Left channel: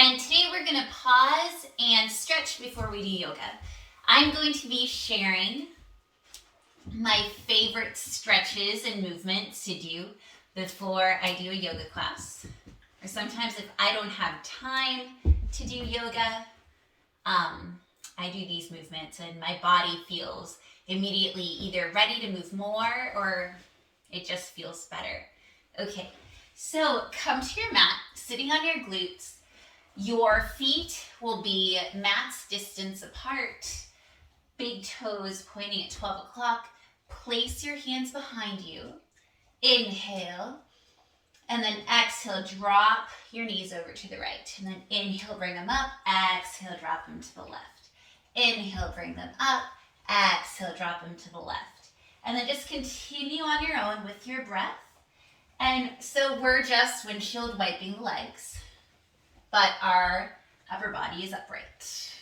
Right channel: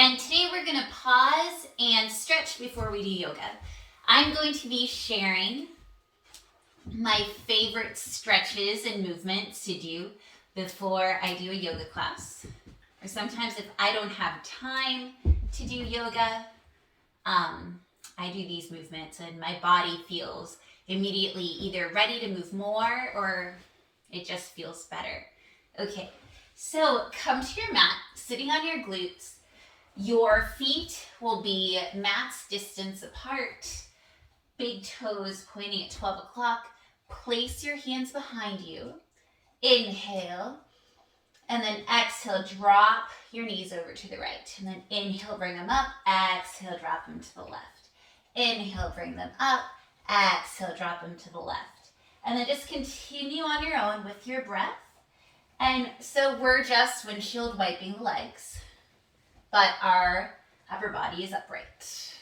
And today we're going to pause and stretch before we do yoga. I'm going to be sharing my favorite stretches and movements to do before I do a yoga class. Or sometimes if I don't have time to do yoga, I do these movements and my body feels immediately either ready to move more or it just feels better. Okay, so come to your mat, sitting on your glutes. Your feet will be mat's distance apart, big toes pointing at 12 o'clock. Place your hands behind you. Inhale, and then exhale, drop your knees over to the right. And then inhale, bring them up. Exhale, drop them to the left. Inhale, bring them up. Exhale, drop them to the left. And then just continue on your own with your breath. And so we're just windshield wiping the legs, but our upper body is upright.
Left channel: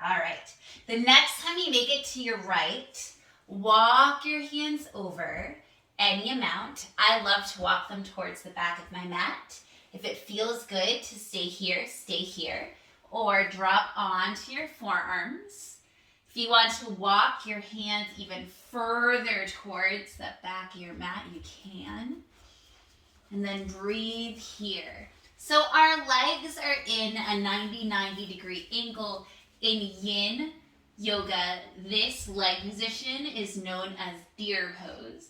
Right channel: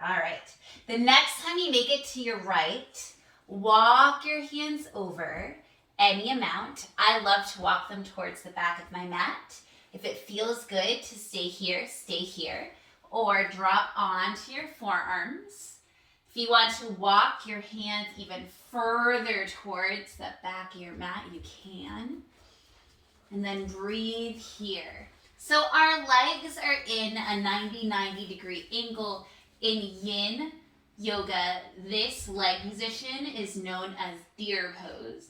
All right. The next time you make it to your right, walk your hands over any amount. I love to walk them towards the back of my mat. If it feels good to stay here, or drop onto your forearms. If you want to walk your hands even further towards the back of your mat, you can. And then breathe here. So our legs are in a 90 degree angle. In yin yoga, this leg position is known as deer pose.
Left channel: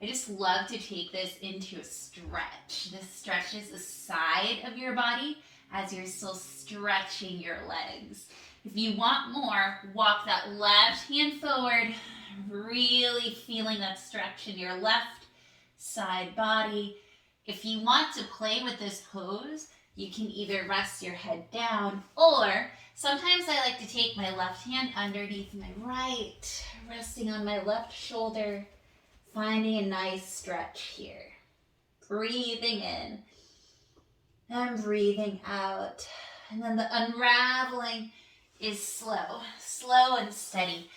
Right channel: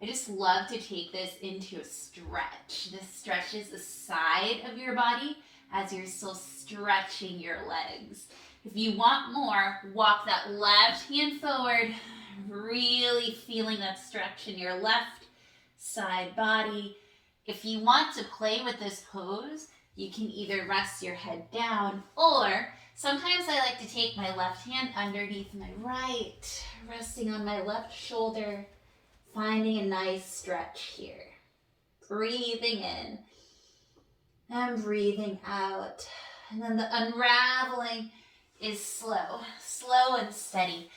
I just love to take this into a stretch. This stretches the side of your body as you're still stretching your legs. If you want more, walk that left hand forward, really feeling that stretch in your left side body. If you want to play with this pose, you can either rest your head down, or sometimes I like to take my left hand underneath my right, resting on my left shoulder, finding a nice stretch here. Breathing in and breathing out. And then the unraveling is slow and steady,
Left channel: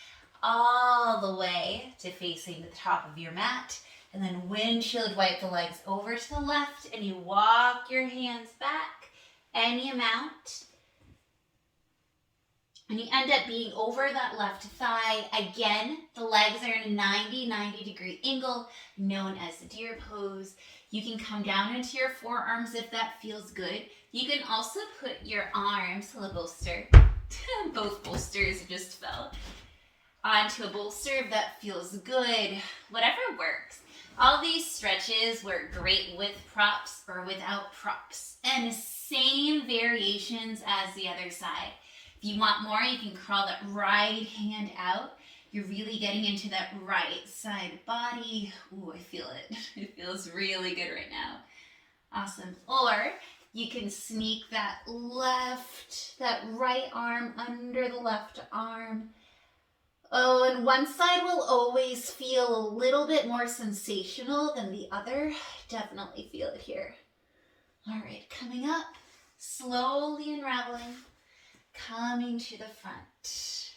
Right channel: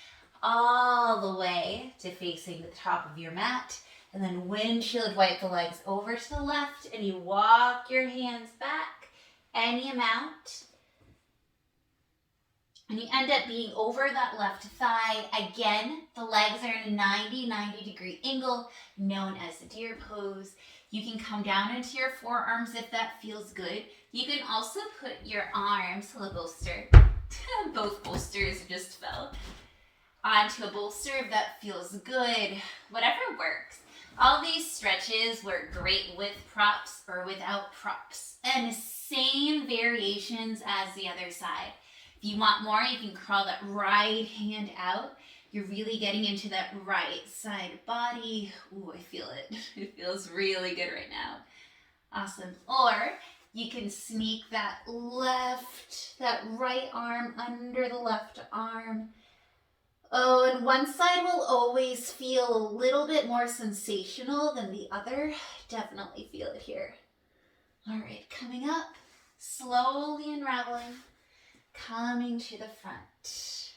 all the way to facing the top of your mat. And then windshield wipe the legs over to the left, and you walk your hands back any amount. And you end up being over that left thigh. Again, the legs are in a 90 degree angle, known as the deer pose. You can come down into your forearms if that feels good. You can also put your arms, a bolster, both bolsters just fell, onto a bolster if that feels good. Whatever works. All these stretches work great with props or without props. And same variations as the other side. If you want more, you can curl that right hand out. You're really getting into that right side body. Ooh, I feel it. It feels really good right now. Awesome. Or you can sneak that right arm under the left arm. Oh, and one side will always feel a little bit more sensational than the other. Definitely feel it here. All right, coming up, slowly unraveling, coming to the front.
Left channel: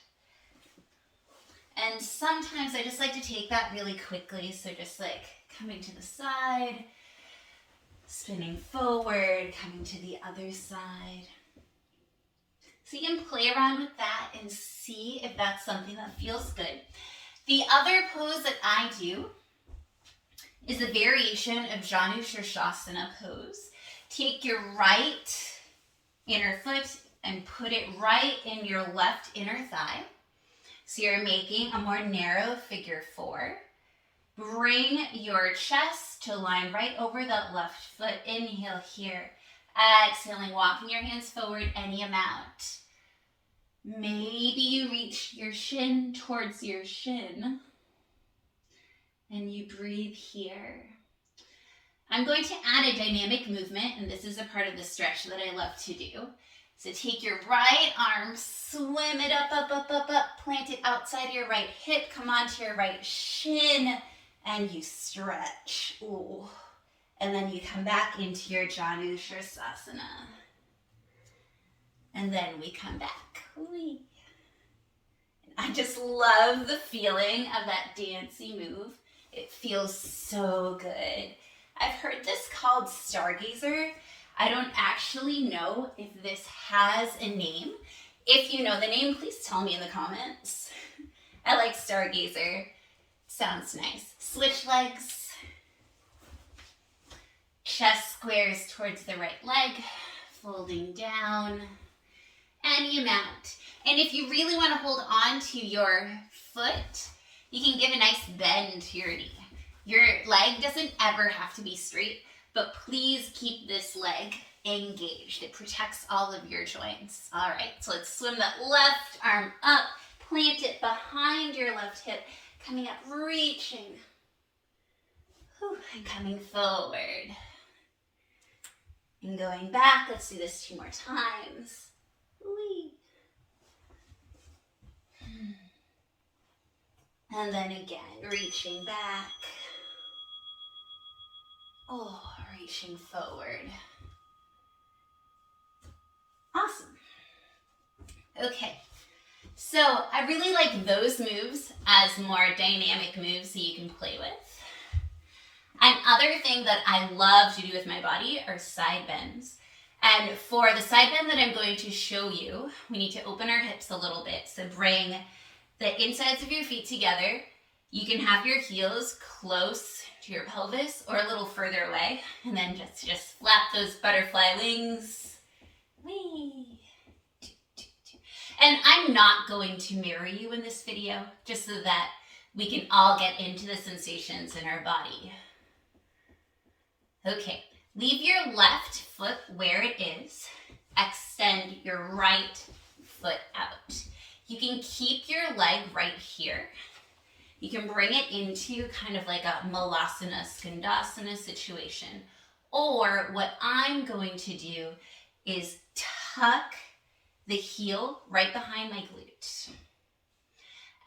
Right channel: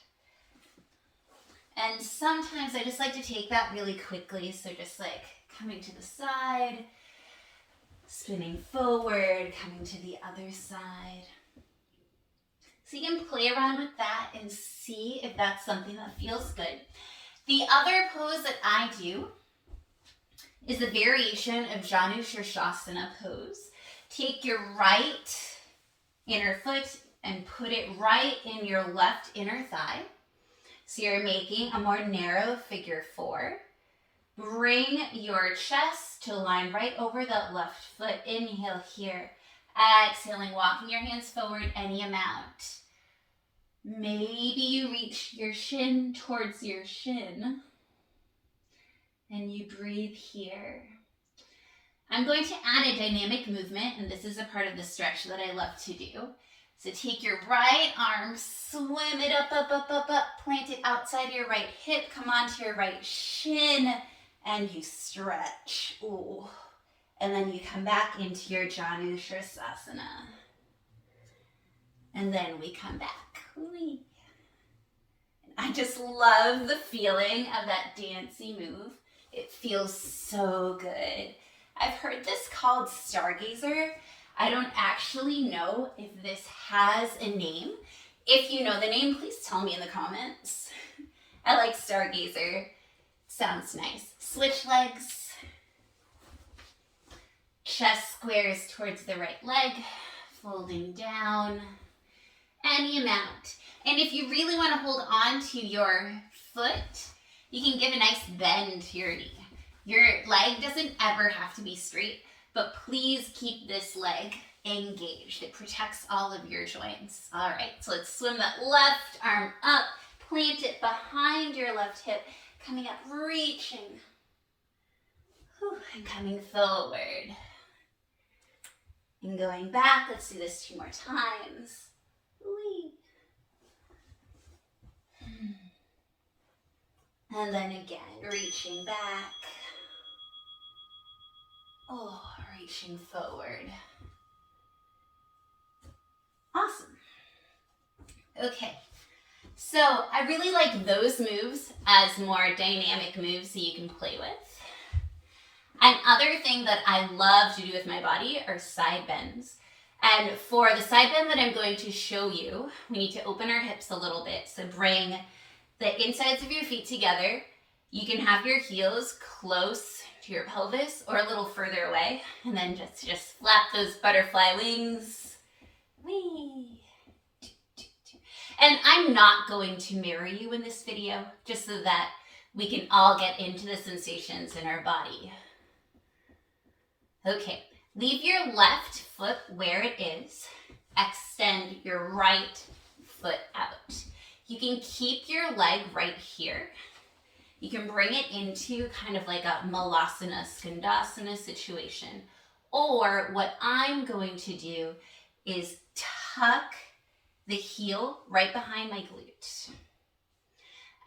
And sometimes I just like to take that really quickly. So just like coming to the side, spinning forward, coming to the other side. So you can play around with that and see if that's something that feels good. The other pose that I do is a variation of janu or Shasta pose. Take your right inner foot and put it right in your left inner thigh. So you're making a more narrow figure four. Bring your chest to line right over that left foot. Inhale here. Exhaling, walking your hands forward any amount. Maybe you reach your shin towards your shin. And you breathe here. I'm going to add a dynamic movement, and this is a part of the stretch that I love to do. So take your right arm, swim it up, plant it outside your right hip, come onto your right shin, and you stretch. Ooh. And then you come back into your janu sirsana. And then we come back. Whee. I just love the feeling of that dancey move. It feels so good. I've heard this called Stargazer. I don't actually know if this has a name. If you know the name, please tell me in the comments. I like Stargazer. Sounds nice. Switch legs. Chest squares towards the right leg. Folding down. Any amount. And if you really want to hold on to your foot, you can give a nice bend to your knee. Your leg doesn't ever have to be straight, but please keep this leg engaged. It protects all of your joints. All right, so let's swim that left arm up, plant it behind your left hip, coming up, reaching, and coming forward. And going back, let's do this 2 more times. Whee. And then again, reaching back. Oh, reaching forward. Awesome. Okay, so I really like those moves as more dynamic moves that you can play with. Another thing that I love to do with my body are side bends. And for the side bend that I'm going to show you, we need to open our hips a little bit. So bring the insides of your feet together. You can have your heels close to your pelvis or a little further away, and then just flap those butterfly wings. Whee! And I'm not going to mirror you in this video, just so that we can all get into the sensations in our body. Okay, leave your left foot where it is. Extend your right foot out. You can keep your leg right here. You can bring it into kind of like a malasana, skandasana situation. Or what I'm going to do is tuck the heel right behind my glute.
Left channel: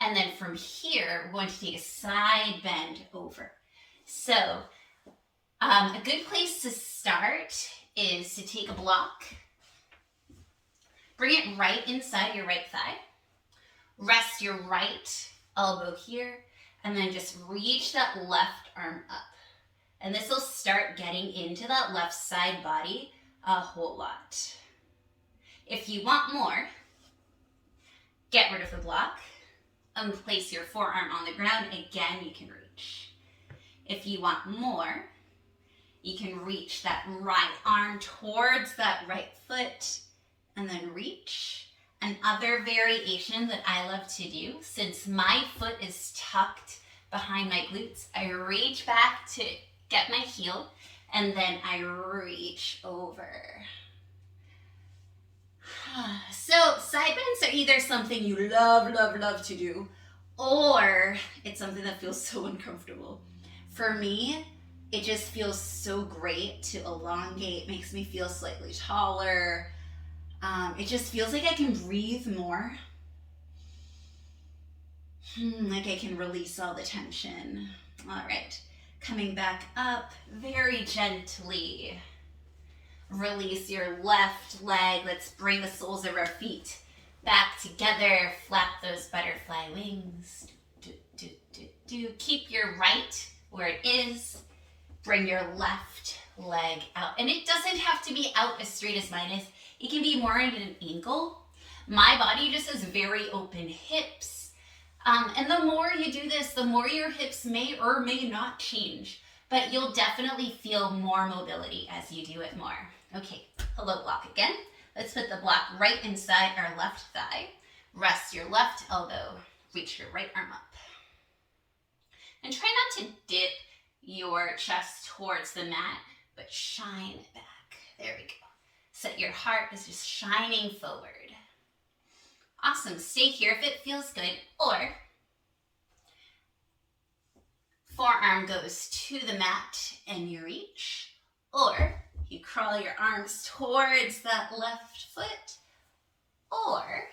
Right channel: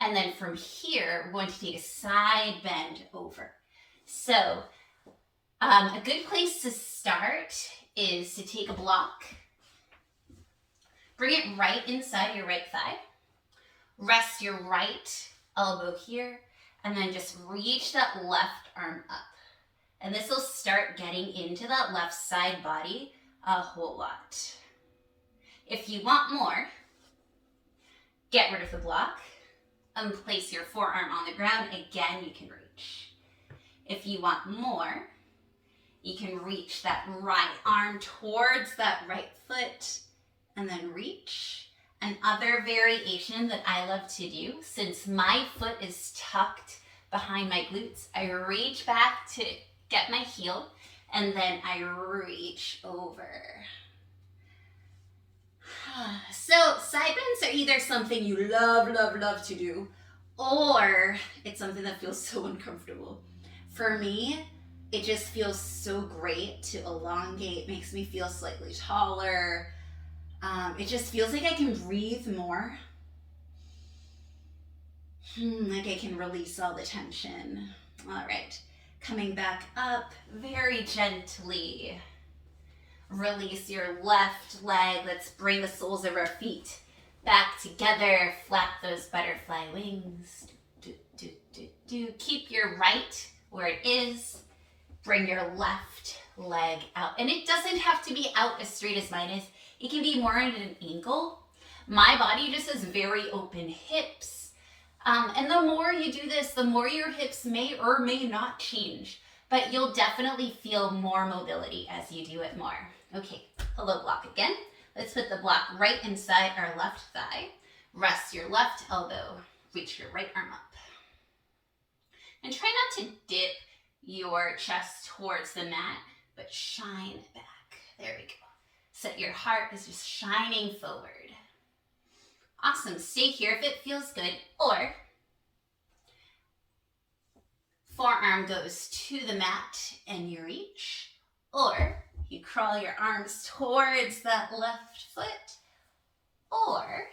And then from here, we're going to take a side bend over. So a good place to start is to take a block, bring it right inside your right thigh, rest your right elbow here, and then just reach that left arm up. And this will start getting into that left side body a whole lot. If you want more, get rid of the block and place your forearm on the ground. Again, you can reach. If you want more, you can reach that right arm towards that right foot and then reach. Another variation that I love to do, since my foot is tucked behind my glutes, I reach back to get my heel and then I reach over. So side bends are either something you love to do, or it's something that feels so uncomfortable. For me, it just feels so great to elongate, makes me feel slightly taller. It just feels like I can breathe more. Like I can release all the tension. All right, coming back up very gently. Release your left leg. Let's bring the soles of our feet back together. Flap those butterfly wings. Keep your right where it is. Bring your left leg out. And it doesn't have to be out as straight as mine is. It can be more at an angle. My body just has very open hips. And the more you do this, the more your hips may or may not change. But you'll definitely feel more mobility as you do it more. Okay, hello block again. Let's put the block right inside our left thigh. Rest your left elbow. Reach your right arm up. And try not to dip your chest towards the mat, but shine it back. There we go. So your heart is just shining forward. Awesome. Stay here if it feels good. Or forearm goes to the mat and you reach. Or you crawl your arms towards that left foot. Or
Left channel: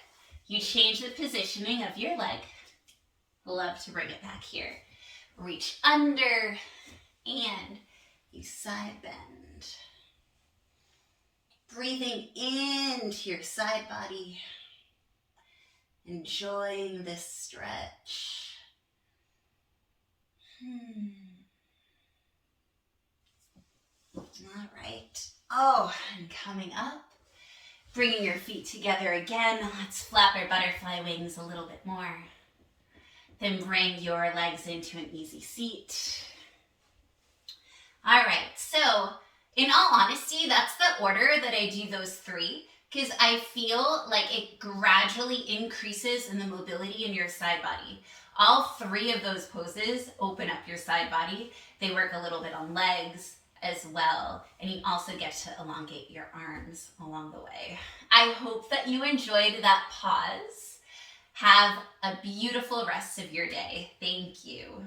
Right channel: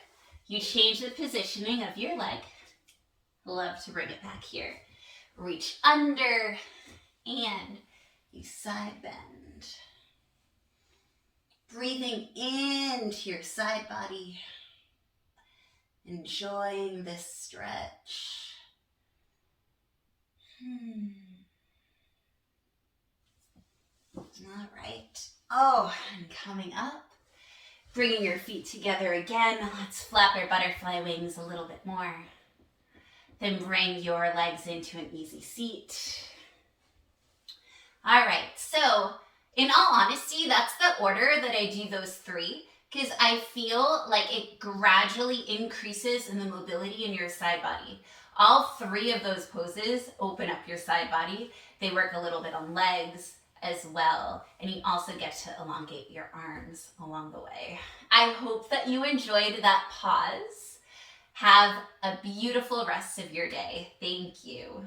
you change the positioning of your leg. Love to bring it back here. Reach under and you side bend. Breathing into your side body. Enjoying this stretch. All right. Oh, and coming up. Bringing your feet together again. Let's flap our butterfly wings a little bit more. Then bring your legs into an easy seat. All right, so in all honesty, that's the order that I do those three, because I feel like it gradually increases in the mobility in your side body. All three of those poses open up your side body. They work a little bit on legs as well, and you also get to elongate your arms along the way. I hope that you enjoyed that pause. Have a beautiful rest of your day. Thank you.